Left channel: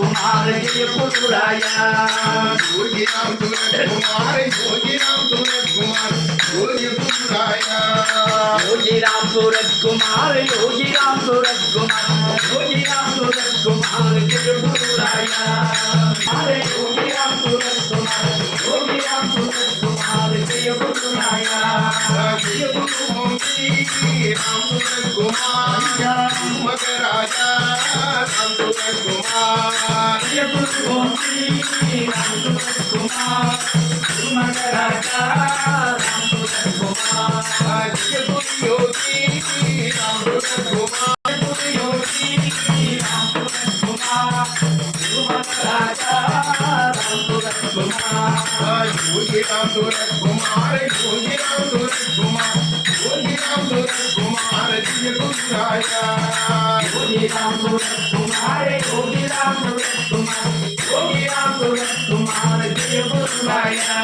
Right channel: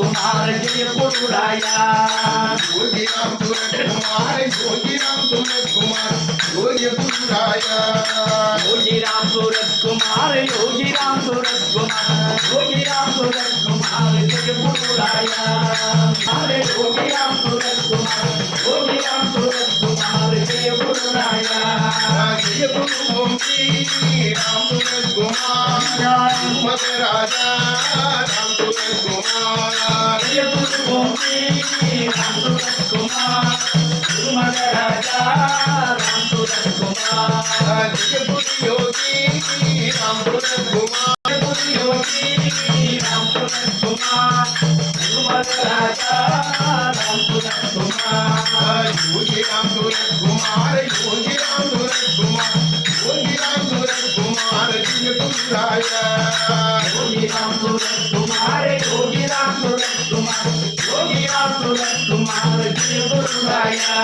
कुमार जय गुरुराया योगी राम सूरत कुमार योगी राम सूरत कुमार जय गुरुराया योगी राम सूरत कुमार योगी राम सूरत कुमार योगी राम सूरत कुमार जय गुरुराया हरे योगी राम सूरत कुमार योगी राम सूरत कुमार जय गुरुराया जय गुरु ओंकी राम सूरत कुमार मग राजा राम सूरत कुमार जय गुरु ओंकी राम सूरत कुमार मग राजा राम सूरत कुमार जय गुरु योगी राम सूरत कुमार योगी राम सूरत कुमार मग राजा राम सूरत कुमार योगी राम सूरत कुमार योगी राम सूरत कुमार योगी राम सूरत कुमार जय गुरुराया योगी राम सूरत कुमार योगी राम सूरत कुमार योगी राम सूरत कुमार जय गुरुराया